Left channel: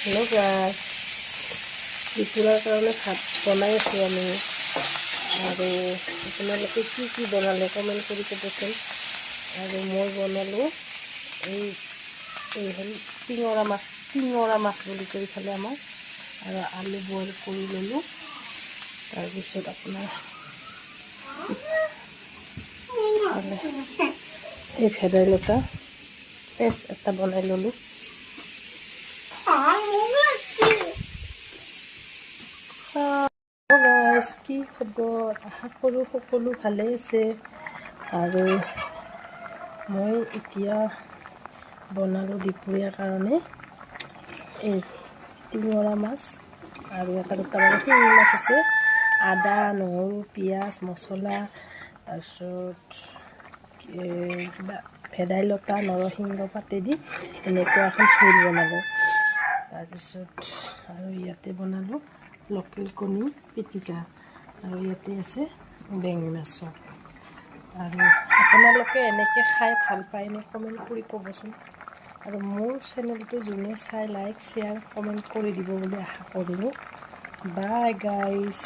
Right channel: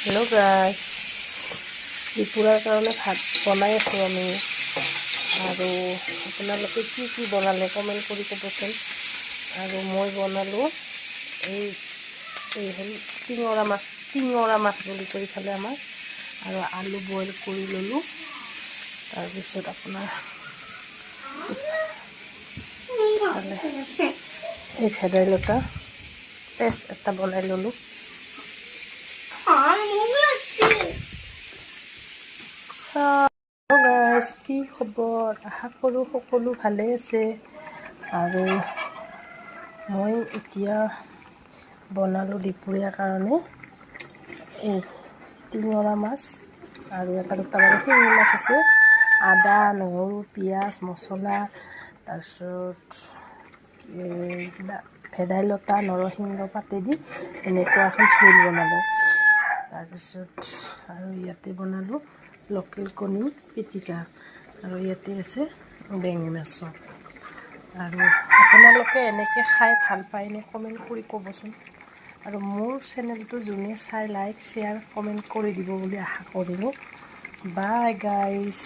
Hello guys দুপুৰৰ কাৰণে ভাত বনাই আছোঁ আমি আৰু আপোনালোকে কি বনালে কমেণ্ট কৰি ক'বচোন আৰু মই বনালোঁ এই হ'ল টিঙৰা মাছ বুলি কৰি খালে আমাৰ আৰু আলু বইল কৰি ল'লোঁ তাৰপিছত আপোনাৰ এই ভেদাইলতা পেষ্ট এটা বনাই ল'লোঁ গাইজ কি খবৰ আশা কৰোঁ সকলো ভালে আছে আৰু মই এতিয়া বনালোঁ দুপৰীয়াৰ কাৰণে এই টিঙৰা মাছ আৰু এটা দুটা মানে শিঙি মাছ আছে আদা নহৰু পিঁয়াজ মছলা তাৰপিছত কিবা ভেদাইলতা নৰসিংহ পাতেদি এনেকুৱা এখন জোল বনালোঁ তাৰপিছত আৰু ইয়াতে বনালোঁ লোকেল কণী পিটিকা আৰু ইয়াতে আছে বেঙেনা মাছ আৰু আপোনালোকে এনেকৈ খাই ভাল পায়নে কমেণ্ট কৰি ক'বচোন আৰু মোৰ চেনেলটো যোনে চাই লাইক শ্বেয়াৰ কমেণ্ট কৰি দিব বুলি আশা কৰিলোঁ বাই গাইজ।